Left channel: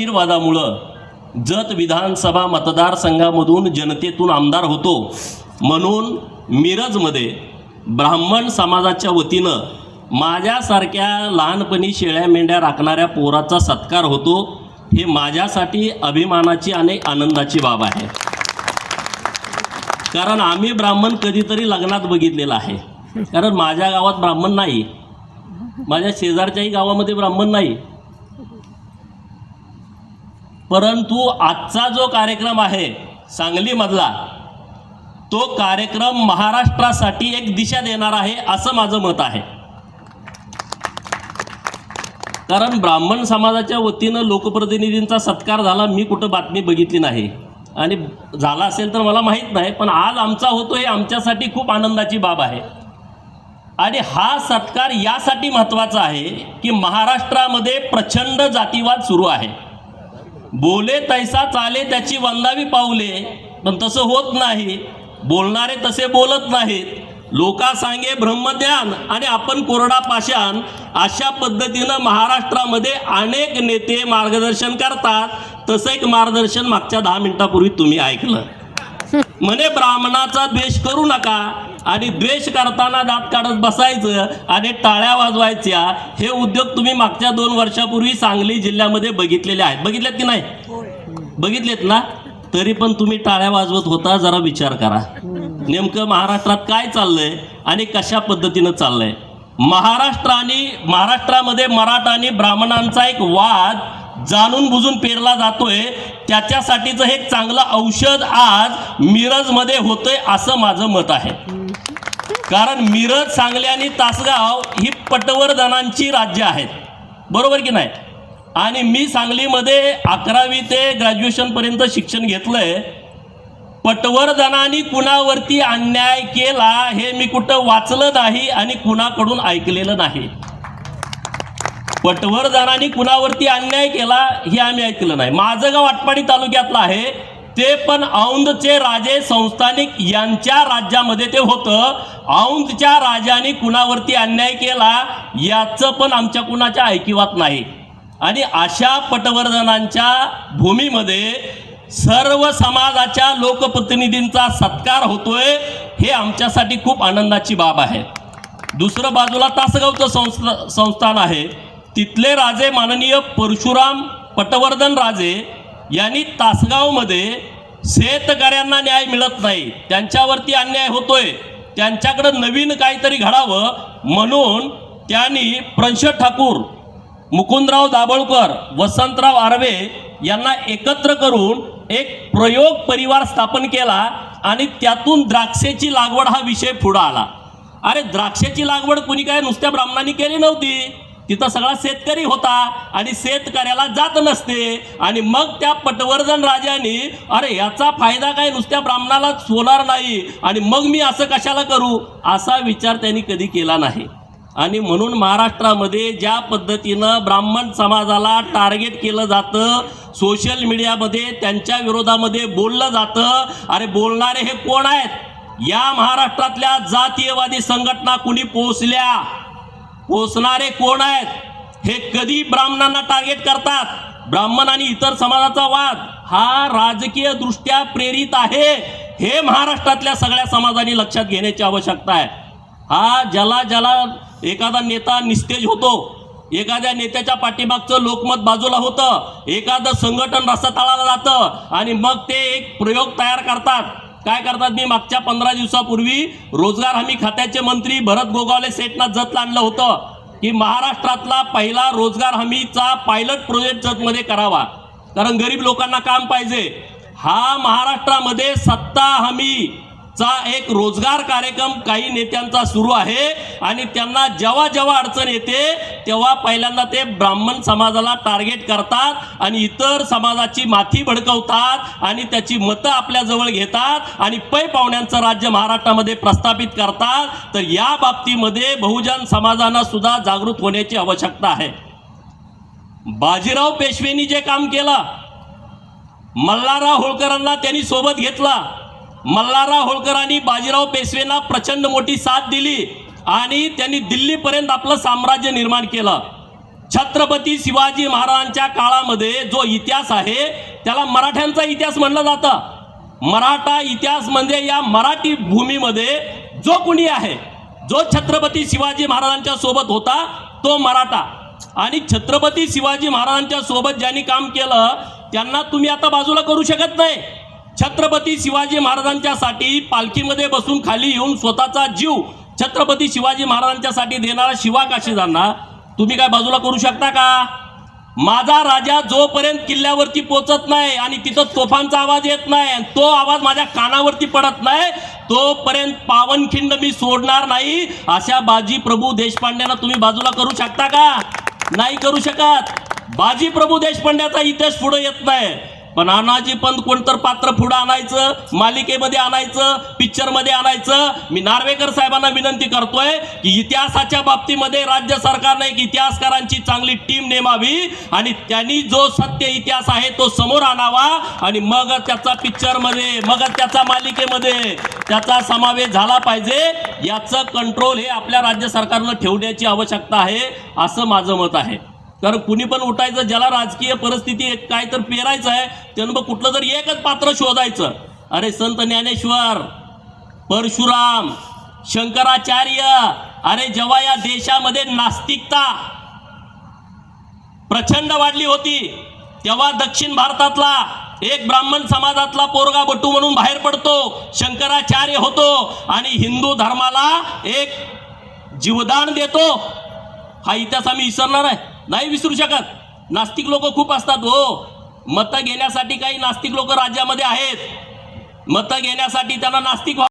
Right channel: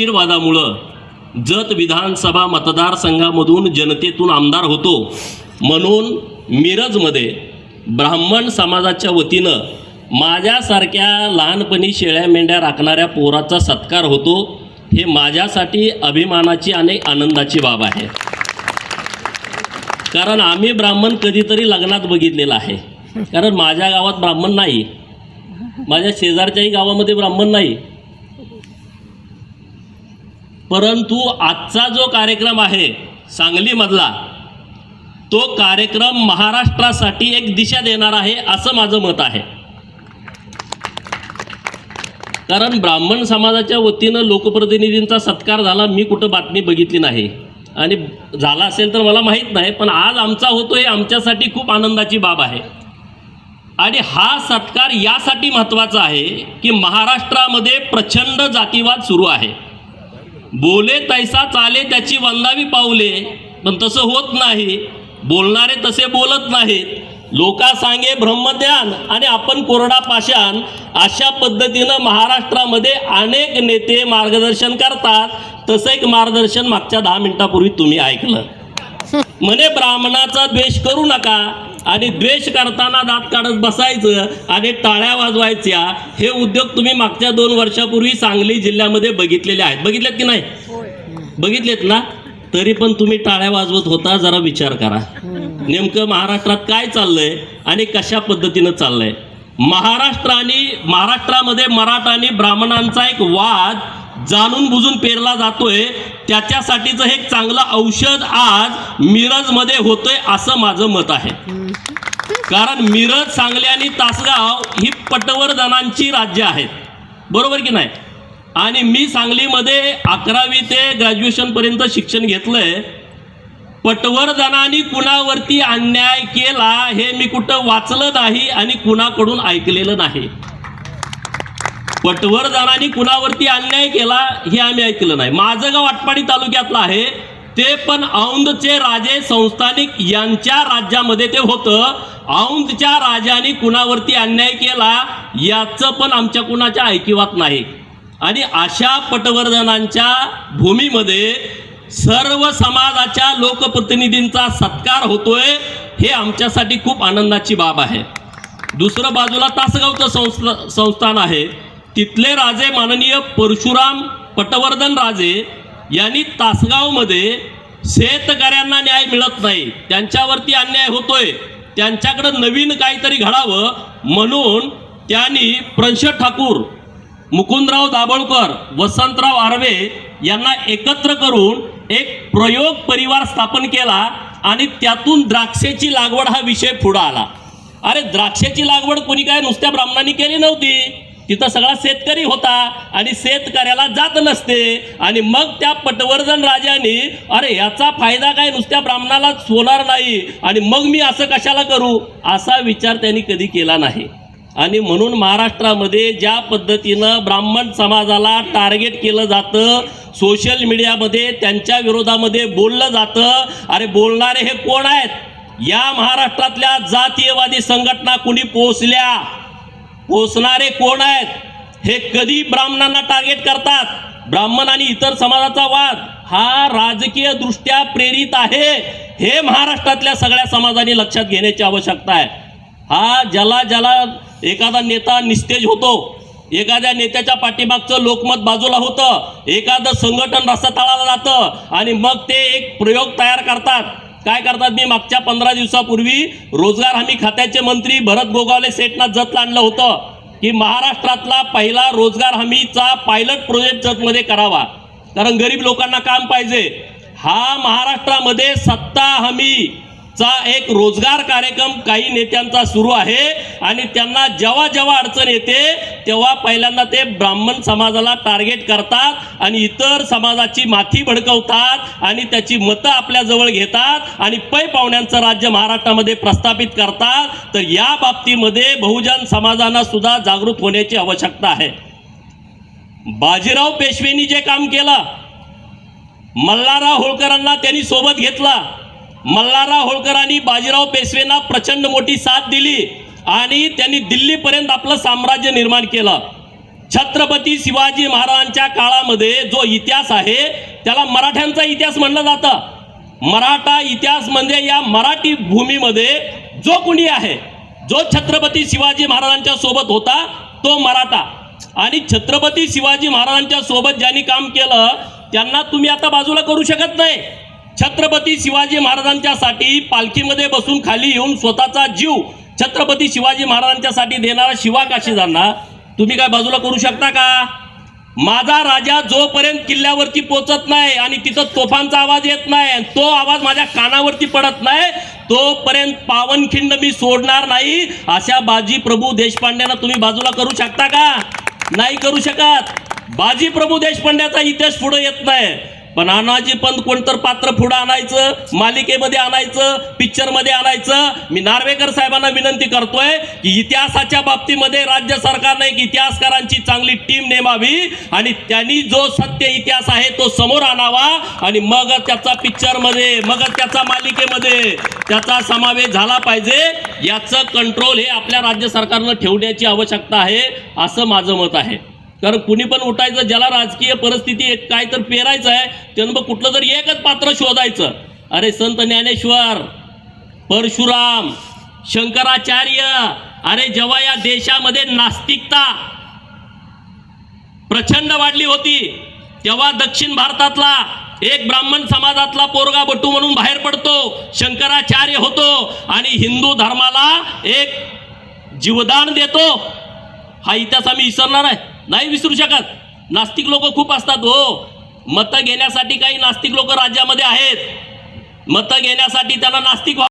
आशीर्वादामुळं जत विधानसभा मतदारसंघामधून जनतेतून आमदार होतो. म्हणून मिरजमध्ये ब्राह्मण समाजाच्या वतीनं माझ्यासारख्या लहानपणी शेळ्या मेंढ्या राखणाऱ्या पोराचा सत्कार होतो. हे माझ्यासाठी अभिमानाची आणि आनंदाची बाब आहे. कारण आम्ही ब्राह्मण कधीतरी लग्नात बघितलेलं आहे. कारण माझ्या गावात ब्राह्मण नाही. माझ्या शेजारच्याही गावामध्ये ब्राह्मण नाही. परंतु आजचा जो कार्यक्रम आहे सांगलीमधला तो कार्यक्रम महाराष्ट्रासाठी एक दिशा देणार आहे असं माझं मत आहे. कारण ब्राह्मण समाजाच्या वतीनं लोकप्रतिनिधींचा सत्कार झाला मी कुठं बातमी बघितली नाही. आणि झाला असेल तर मला माहीत नाही पण आज आमचा होतो हे आमच्यासाठी खूप आनंदाची बाब आहे. आणि हा सत्कार यासाठी महत्त्वाचा आहे की महाराष्ट्रामध्ये प्रचंड जातीवाद सुरू आहे. बोले तैसा चाले त्याची वंदावी पावले. पण तसं होत नाही. बोलणारे तसे बोलत नाहीत. लोका सांगे ब्रह्मज्ञान आणि आपण कोरडा पाषाण अशा पद्धतीनं महाराष्ट्रामध्ये अनेक नेते मार्गदर्शन करतात. तसं एक मार्गदर्शन मागच्या दहा मिनिटापूर्वी तुम्ही ऐकलं. म्हणे ब्राह्मणाचा द्वेष करू नका. आणि द्वेष करताना दात काढत बसायचं आणि टाळ्या वाजवायच्या हे उद्योग तुम्ही मागच्या दोन वर्षापूर्वी सांगली जिल्ह्यामध्ये बघितलेले आहेत. बघितलेत की नाही? बघितलेत ना? तरी पण तुम्ही टाळ्या वाजवत होता जरा विचार करा. नेमकं महाराष्ट्रात काय चाललंय आणि कशा पद्धतीनं चाललंय? महाराष्ट्र आणि महाराष्ट्रामध्ये मराठा आणि ब्राह्मणांचा एक वाद जाणून बुजून पेरला जातोय. त्याच्यासाठीचं हे चांगलं औषध आज मिरजमध्ये होतंय असं माझं मत आहे. कारण मिरज सांगली आणि तासगाव ही पटवर्धनांची राज्य आहेत. बरोबर की नाही? आणि मी सांगलीमध्ये अकरावी ते ग्रॅज्युएशनपर्यंत शिक्षण घेतलंय. पटवर्धनाने कुणावरती अन्याय केला हे मी कुठं वाचलं नाही आणि कुणाकडून ऐकलेलं नाही. पटवर्धनाने कुणावरती अन्याय केला हे आम्ही ऐकलं नाही. माझं गाव आटपाडी तालुक्यातलं आहे. ते पण औंधचे राजे संस्थानिक यांच्या राज्यामध्ये ते होतं. औंधच्या राजाने कुणावरती अन्याय केला याचं पण आमच्या कुणाच्या ऐकिवात नाही. आणि अशा पटवर्धनांच्या भूमीमध्ये सर्व समाजाच्या लोकप्रतिनिधींचा सत्कार होतोय हे आमच्यासाठी खूप आनंदाची बाब आहे. दुसरं बाजूला तासगावचं संस्था संस्थान आहे. तिथले राजे माननीय परशुराम पटवर्धन राजे यांनी तासगावमध्ये शेतकऱ्यांना न्याय मिळत नाही. त्यांच्यावरती अन्याय होतोय. त्यांच्याकडं नवीन काहीतरी घडावं म्हणून त्यांनी प्रंशद ठाकूर मुकुंदराव दाभोळकर वसंतराव आर्वे यांना एकत्र करून एक प्रयोग परिवार स्थापन केला आणि त्यातून द्राक्षेची लागवड हा विषय पुढं आला. अरे द्राक्षाची लागवड कोणी काय नुसत्या ब्राह्मणांनी केली नव्हती. तिथं सगळा शेतकरी होता आणि शेतकऱ्याला जात नसते. आणि मग त्या पटवर्धन राजाने अरे याचा फायदा काय नुसत्या ब्राह्मणाला होणार नाही. आणि मग मी असं कशाला करू? असा विचार त्यांनी कधी केला नाही. आणि म्हणून महाराष्ट्रामध्ये ज्या पद्धतीनं ब्राह्मण समाजाला टार्गेट केलं जातं सोशल मीडियामध्ये त्यांच्या विरोधामध्ये बोललं जातं अरे बोलणारे हे कोण आहेत? या महाराष्ट्रातल्या जातीयवादी संघटना कुणी पोहोचल्या? पोचणारे कोण आहेत? हे कधी ब्राह्मणांना टार्गेट करतात? ब्राह्मण आणि इतर समाजाचा वाद हा राजकीय दृष्ट्या प्रेरित आहे. हे महाराष्ट्रातल्या सगळ्या समाजाने लक्षात घेण्याची आवश्यकता आहे. हा ज्याला ज्याला एखादा नेता निस्तेज होतो एखाद्या नेत्याच्या पाठीमागचं लोकमत बाजूला होतं एखादं संघटन रस्त्यातळाला जातं आणि मग ते एक प्रयोग तयार करतात. काय करतात मी? मागच्या पंधरा दिवसापूर्वी रोजगार हमी खात्याचे मंत्री भरत गोगावले सेटना जतला आणलं होतं की महाराष्ट्रातला पहिला रोजगार हमीचा पायलट प्रोजेक्ट जतमध्ये करावा. कारण गरीब लोकांना काम पाहिजे. हा महाराष्ट्रामध्ये सत्ता हमी चा एक रोजगार कार्यक्रम काही नेत्यांचा सुरू आहे. आणि त्यांना जेव्हा जेव्हा अडचण येते तेव्हा पहिल्यांदा ते ब्राह्मण समाजाला टार्गेट करतात आणि इतर समाजाची माथी भडकवतात आणि त्याची मतं आपल्याजवळ घेतात आणि पै पाहुण्यांचं राज्य महाराष्ट्रामध्ये प्रस्थापित करतात. तर या बाबतीमध्ये बहुजन समाजांना सुद्धा जागृत होण्याची आवश्यकता आहे. बाजीराव पेशवेनी जे काम केलं मल्हारराव होळकरांना त्यांनी सोबत घेतला. मल्हारराव होळकरांनी बाजीराव पेशवेंना प्रचंड मोठी साथ दिली आणि त्यांनी दिल्लीपर्यंत आपलं साम्राज्य निर्माण केलं. छत्रपती शिवाजी महाराजांच्या काळामध्ये जो इतिहास आहे त्याला मराठ्यांचा इतिहास म्हणलं जातं. मराठा इतिहास म्हणजे या मराठी भूमीमध्ये जो कुणी आहे जो छत्रपती शिवाजी महाराजांच्या सोबत होता तो मराठा. आणि छत्रपती शिवाजी महाराजांच्या सोबत ज्यांनी काम केलं त्यांना तुम्ही आता बाजूला करू शकत नाही. छत्रपती शिवाजी महाराजांच्यासाठी पालखीमध्ये बसून खाली येऊन स्वतःचा जीव छत्रपती शिवाजी महाराजांच्यासाठी देणारा शिवा काशीदांना तुम्ही काय बाजूला करू शकता का? माझा राजा जोपर्यंत किल्ल्यावरती पोचत नाही आणि तिथं तोफांचा आवाज येत नाही तो आवाज माझ्या कानावरती पडत नाही तोपर्यंत पावनखिंड मी सोडणार नाही अशा बाजी प्रभू देशपांड्यांना तुम्ही बाजूला करू शकता का? नाही करू शकत. बाजी प्रभू देशपांड्याचा इतिहास पुढे येत नाही. पण अनाजी पंत कोणतर पात्र पुढं आणायचं? मालिकेमध्ये आणायचं? पिक्चरमध्ये आणायचं? मी नार्वेकर साहेबांना विनंती करतोय की इतिहासाच्या बाबतीमध्ये राज्य सरकारने एक इतिहासकारांची चांगली टीम नेमावी आणि त्यांनी जो सत्य इतिहास आहे तो समोर आणावा आणि मग त्याचा पिक्चरमध्ये मग त्याचा मालिकेमध्ये त्याचा समावेश झाला पाहिजे. याचं कंट्रोल हे आपल्या राज्य सरकारनं ठेवण्याची आवश्यकता आहे असं माझं मत आहे. कारण कुणी पण उठायचं ज्याला राजकीय परिस्थिती एक काय तर पेरायचं आहे त्यानं मग कुठलं तरी एकच पात्र शोधायचं. अरे संत ज्ञानेश्वर परशुराम शंकराचार्य अरे जेव्हा या देशामध्ये नास्तिकता प्रचंड वाढली होती तेव्हा दक्षिण भारतातला एक ब्राह्मण समाजातला पोरगा बटू म्हणून बाहेर पडतो शंकराचार्य होतो आणि हिंदू धर्माला एक जीवदान देतो. हा इतिहास आम्ही विसरणार आहे. नाही विसरू शकत. नास्तिक लोक खूप असतात हो. मतं घेण्यासाठी काही नास्तिक लोक राज्यामध्ये आहेत. मतं घेण्यासाठी त्यांना नास्तिक